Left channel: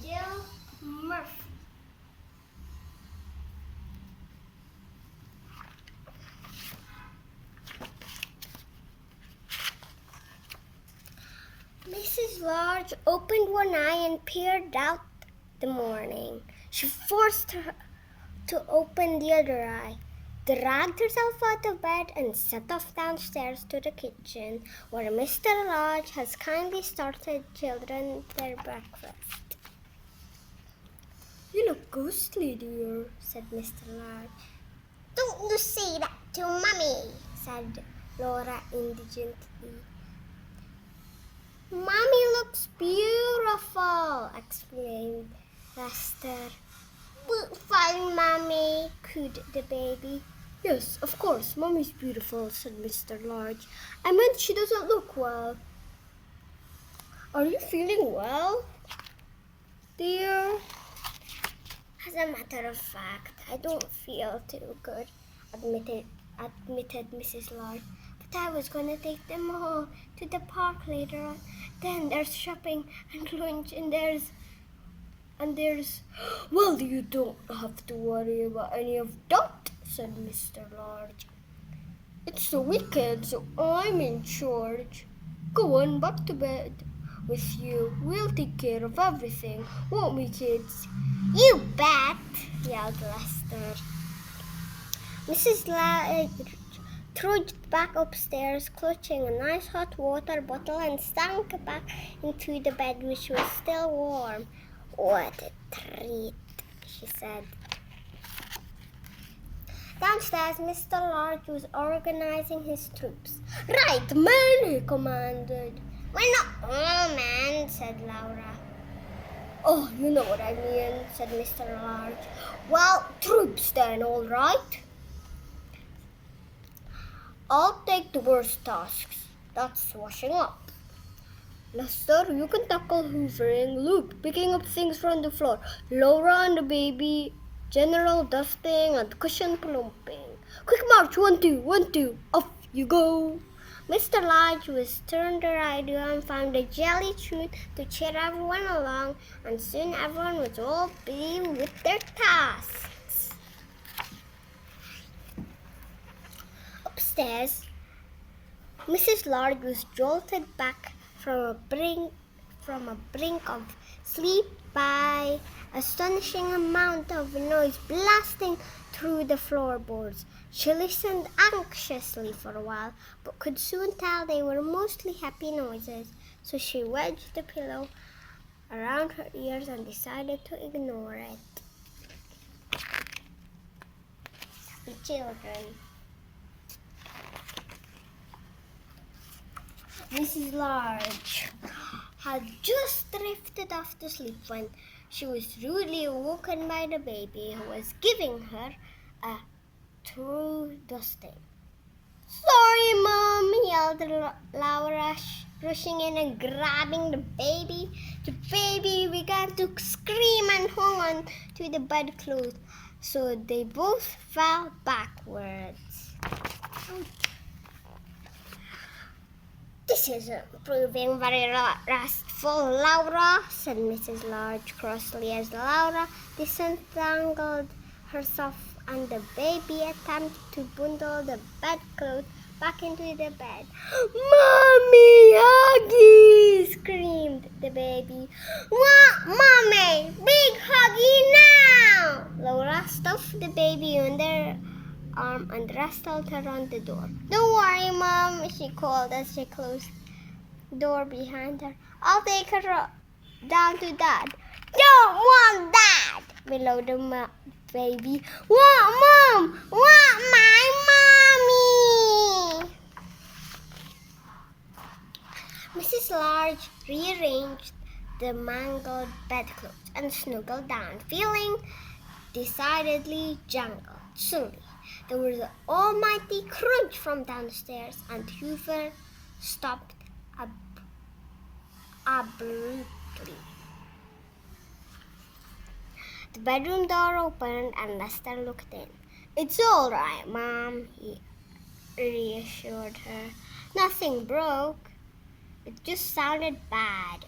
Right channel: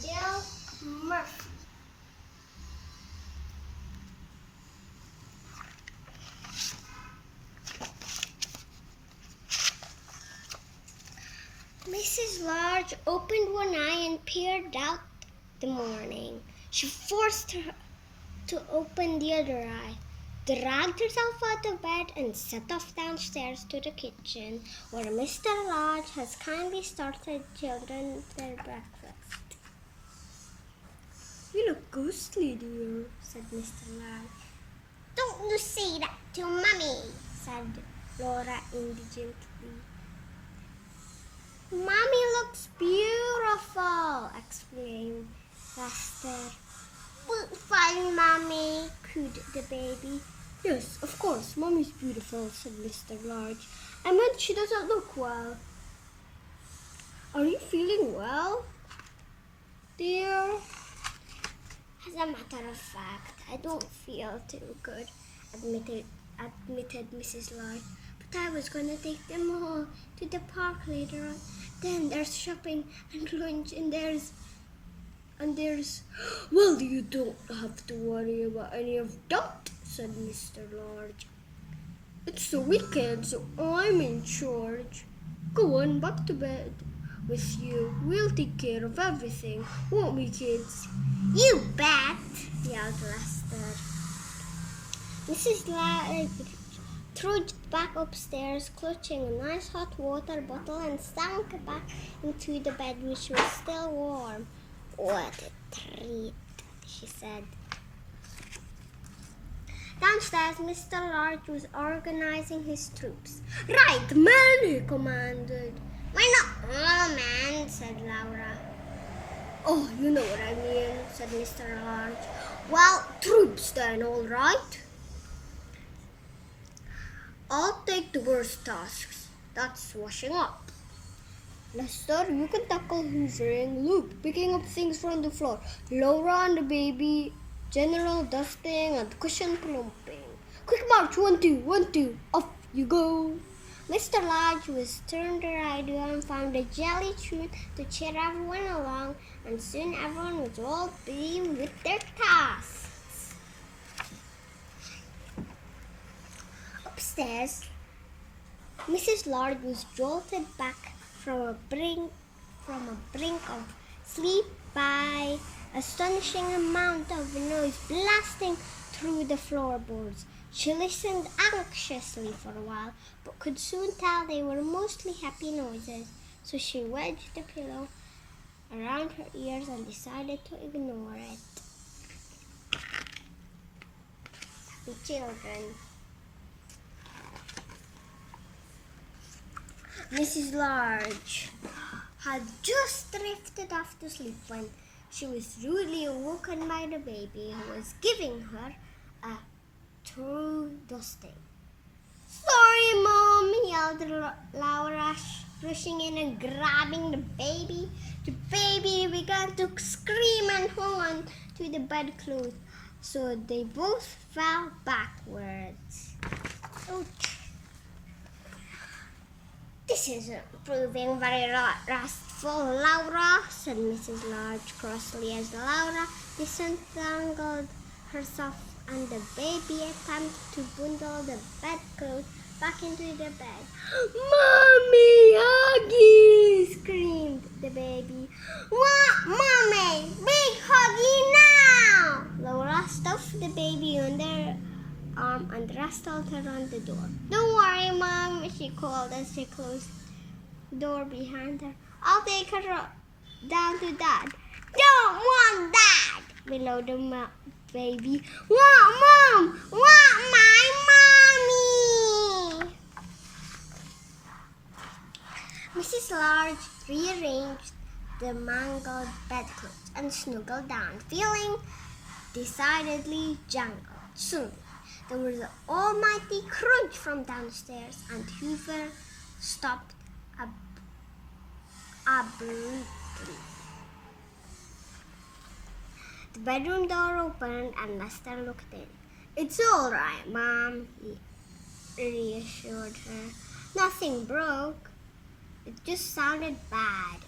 Jill Murphy. Mrs. Large opened one eye and peered out the morning. She forced her to open the other eye, dragged herself out of bed, and set off downstairs to the kitchen, where Mr. Large has kindly started children their breakfast. "You look ghostly, dear," said Mr. Large. "Don't you say that to Mummy," said Laura indignantly. "Mommy looks beautiful," exclaimed Lester. "Fine, Mommy," cooed the baby. "Yes, of course, Mommy's beautiful," said Mr. Large. "I meant she doesn't look well. Are you feeling well, dear?" "As a matter of fact, I don't feel too good," admitted Mrs. Large. "But I was going to take them all to the park later on. Then there's shopping and lunch and there's... "Well, you don't have to worry about any of that," said Mr. Large. "It's the weekend, so I'm in charge. Go on, back to bed with you. We'll take care of everything, won't we, kids?" "You bet," yelled Lester. Mrs. Large trudged back upstairs, clutching a nice hot water bottle, and sank back into the bed, which was still warm. "What a treat," she said. Downstairs, Mr. Large was organizing his troops. "Right, men," he commanded. "We're not all men," said Laura. "Oh, you know what I mean," said Mr. Large. "Well, troops then, all right. I'll take the worst tasks. That's washing up. Lester, you can tackle hoovering. Luke, picking up things from the floor. Laura and the baby, general dusting and cushion plumping. Quick march, 1, 2, 1, 2. Off you go." Mr. Large was turned the idea and found a jelly truth to cheer everyone along, and soon everyone was all busy with their tasks. Upstairs, Mrs. Large was jolted back from a brink of sleep by astonishing amount of noise blasting through the floorboards. She listened anxiously for a while, but could soon tell they were mostly happy noises, so she wedged the pillow around her ears and decided to ignore it. The children. Mrs. Large had just drifted off to sleep when she was rudely awoken by the baby, who was giving her a true dusting. "Sorry, Mom," yelled Laura, rushing in and grabbing the baby. The baby began to scream and hung on to the bedclothes, so they both fell backwards. Ouch. "This isn't proving very restful, Laura," said Mrs. Large crossly as Laura disentangled herself and the baby attempted to bundle the bedclothes back into the bed. "Mommy, huggy!" screamed the baby. "What, Mommy? Big huggy now!" Laura stuffed the baby under arm and wrestled her on the door. "Don't worry, Mom," she called as she closed the door behind her. "I'll take her down to Dad." "Don't want Dad!" bellowed the baby. "What, Mom? What, my mommy?" Mrs. Large rearranged the mangled bedclothes and snuggled down, feeling decidedly jangled. Suddenly, there was an almighty crunch from downstairs, and Hoover stopped abruptly. The bedroom door opened, and Lester looked in. "It's all right, Mom," he reassured her. "Nothing broke. It just sounded bad."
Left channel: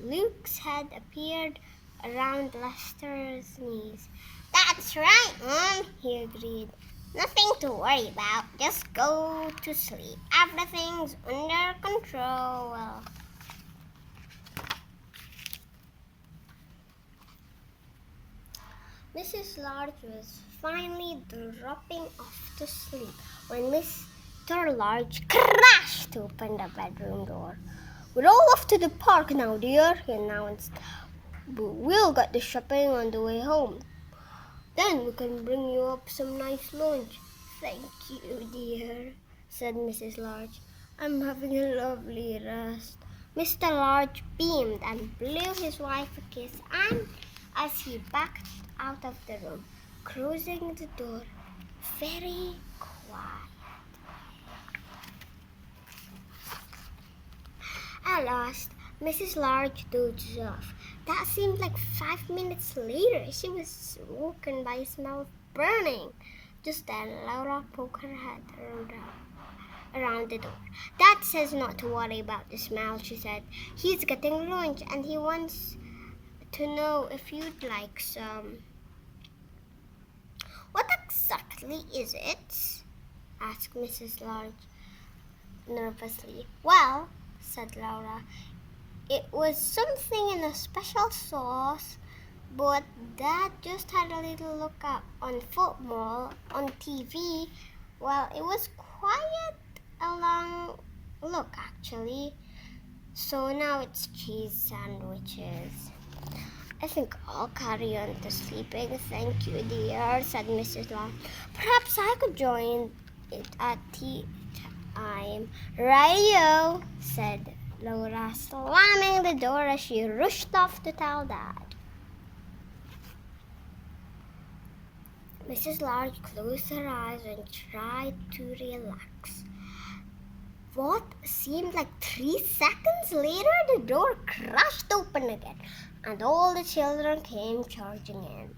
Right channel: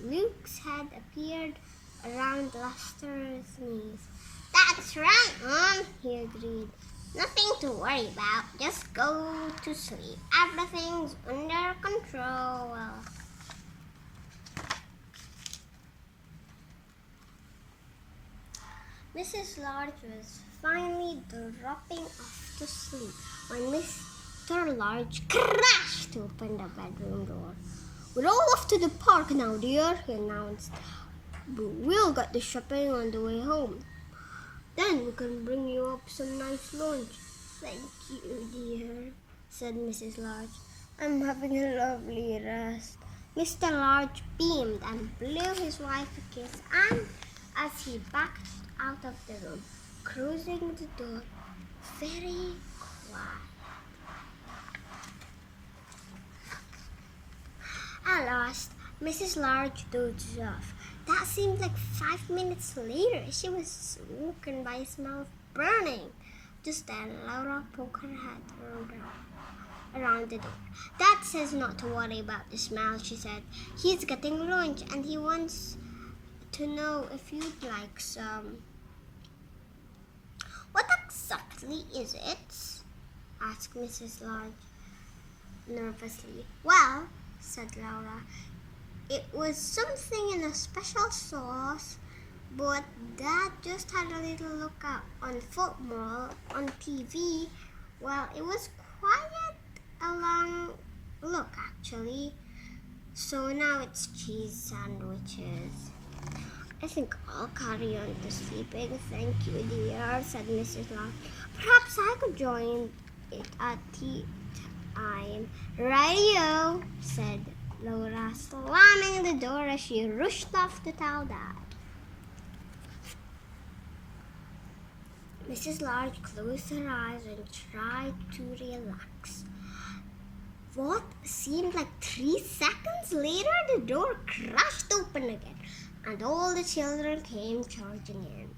Luke's head appeared around Lester's knees. "That's right, Mom," he agreed. "Nothing to worry about. Just go to sleep. Everything's under control." Mrs. Large was finally dropping off to sleep when Mr. Large crashed open the bedroom door. "We're all off to the park now, dear," he announced. "But we'll get the shopping on the way home. Then we can bring you up some nice lunch." "Thank you, dear," said Mrs. Large. "I'm having a lovely rest." Mr. Large beamed and blew his wife a kiss, and as he backed out of the room, closing the door very quiet. At last, Mrs. Large dozed off. That seemed like 5 minutes later. She was woken by a smell of burning. Just then, Laura poked her head around the door. "Dad says not to worry about the smell," she said. "He's getting lunch and he wants to know if you'd like some." "What exactly is it?" asked Mrs. Large nervously. "Well," said Laura, "it was something in a special sauce, but Dad just had a little look up on football on TV. Well, it was quite a long look, actually. So now it's cheese sandwiches." "I think I'll carry on to sleeping. Thank you, dear," said Mrs. Large. "Perhaps I could join it at tea time." "Radio," said Laura, slamming the door as she rushed off to tell Dad. Mrs. Large closed her eyes and tried to relax. What seemed like 3 seconds later, the door crashed open again, and all the children came charging in.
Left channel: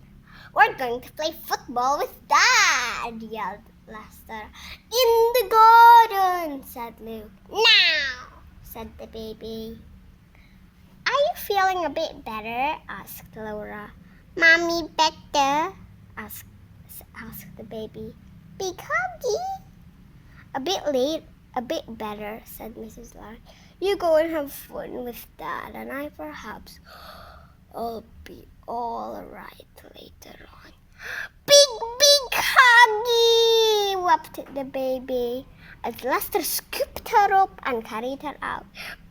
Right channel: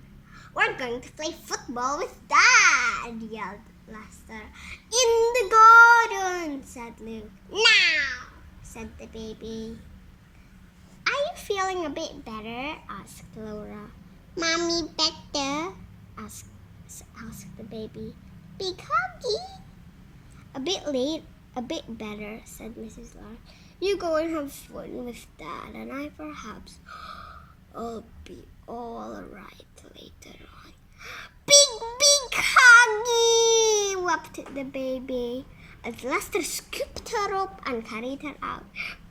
"We're going to play football with Dad," yelled Lester. "In the garden," said Luke. "Now," said the baby. "Are you feeling a bit better?" asked Laura. "Mommy better?" asked the baby. "Big huggy?" A bit better," said Mrs. Large. "You go and have fun with Dad, and I'll be all right later on." Big huggy!" wept the baby as Lester scooped her up and carried her out.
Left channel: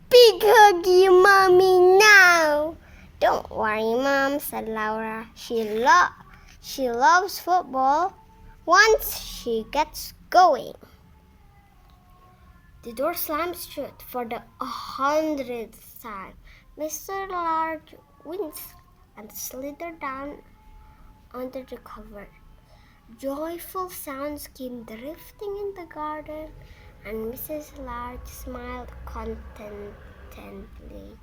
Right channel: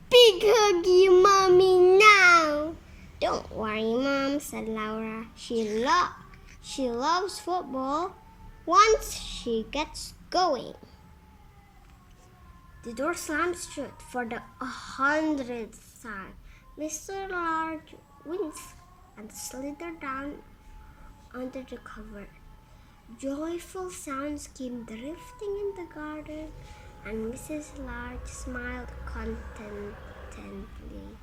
"Big huggy, Mommy, now!" "Don't worry, Mom," said Laura. She loves football once she gets going." The door slammed shut for the 100th time. Mr. Large winced and slithered down under the cover. Joyful sounds came drifting in the garden, and Mrs. Large smiled contentedly.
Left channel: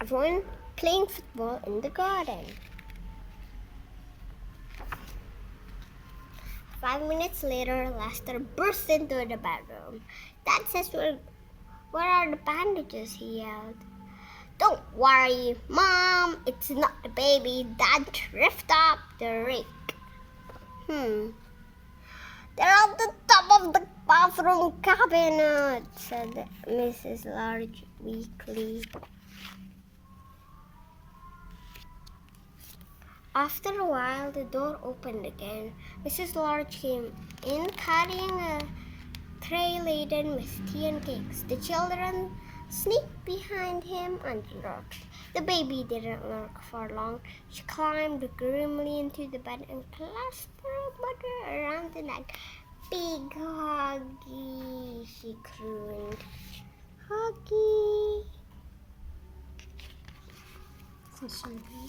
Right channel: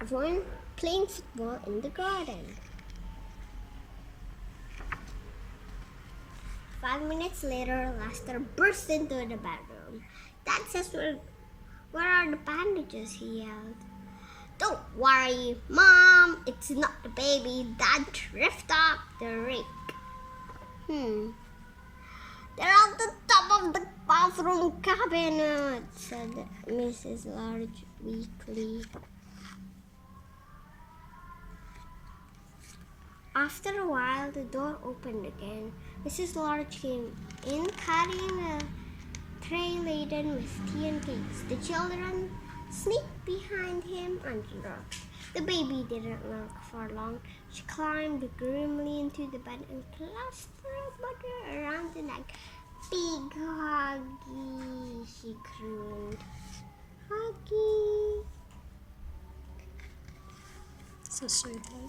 Everyone playing football in the garden. 5 minutes later, Lester burst into the bedroom. "Dad says where are the bandages?" he yelled. "Don't worry, Mom, it's not the baby. Dad thrift up the rake." "They're at the top of the bathroom cabinet," said Mrs. Large weakly. After a while, the door opened again. Mrs. Large came in carrying a tray laden with tea and cakes. The children sneaked behind him and lurked. The baby didn't lurk for long. She climbed grimly into the bed and clasped her mother around the neck. "Big huggy," she crooned. "Huggy." So sweet, eh?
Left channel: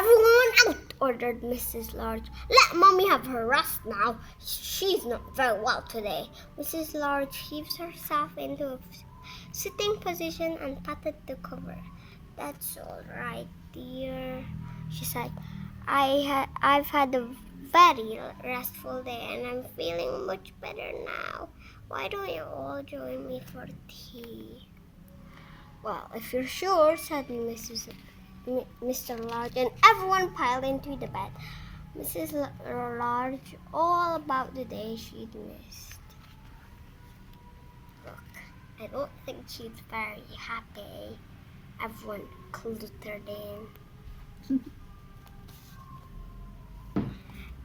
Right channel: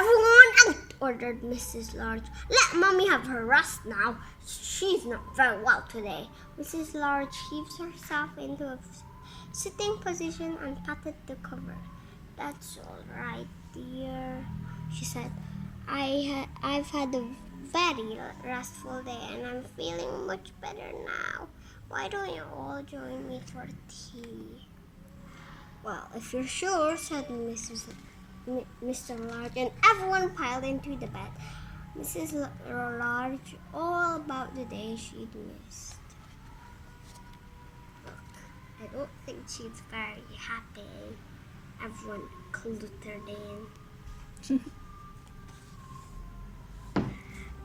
"Everyone out," ordered Mrs. Large. "Let Mommy have her rest now. She's not very well today." Mrs. Large heaved herself into a sitting position and patted the cover. "That's all right, dear," she said. I've had a very restful day and I'm feeling much better now. Why don't you all join me for tea?" Well, if you're sure, said Mr. Large, and everyone piled into the bed. Mrs. Large, all about the day she'd missed. Look, I don't think she's very happy. Everyone cluttered in.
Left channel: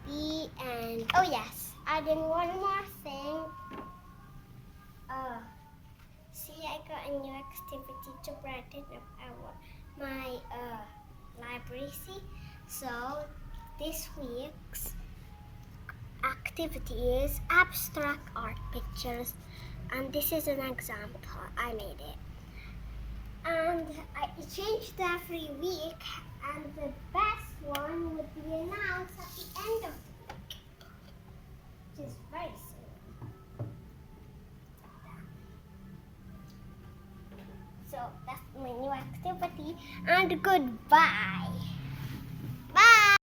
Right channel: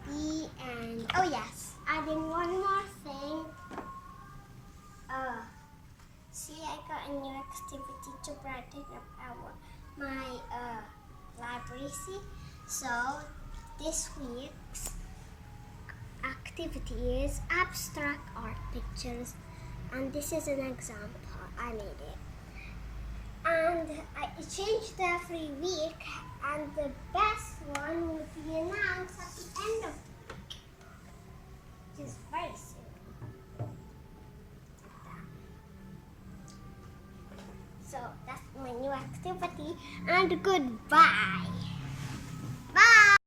The end. Oh yes, adding one more thing. See, I got a new activity to brighten up my library. See, so this week's activity is abstract art pictures, and this is an example. I made it, and I changed every week, and the best one would be announced at the end of the week, which is very soon. So that's my new activity, and goodbye.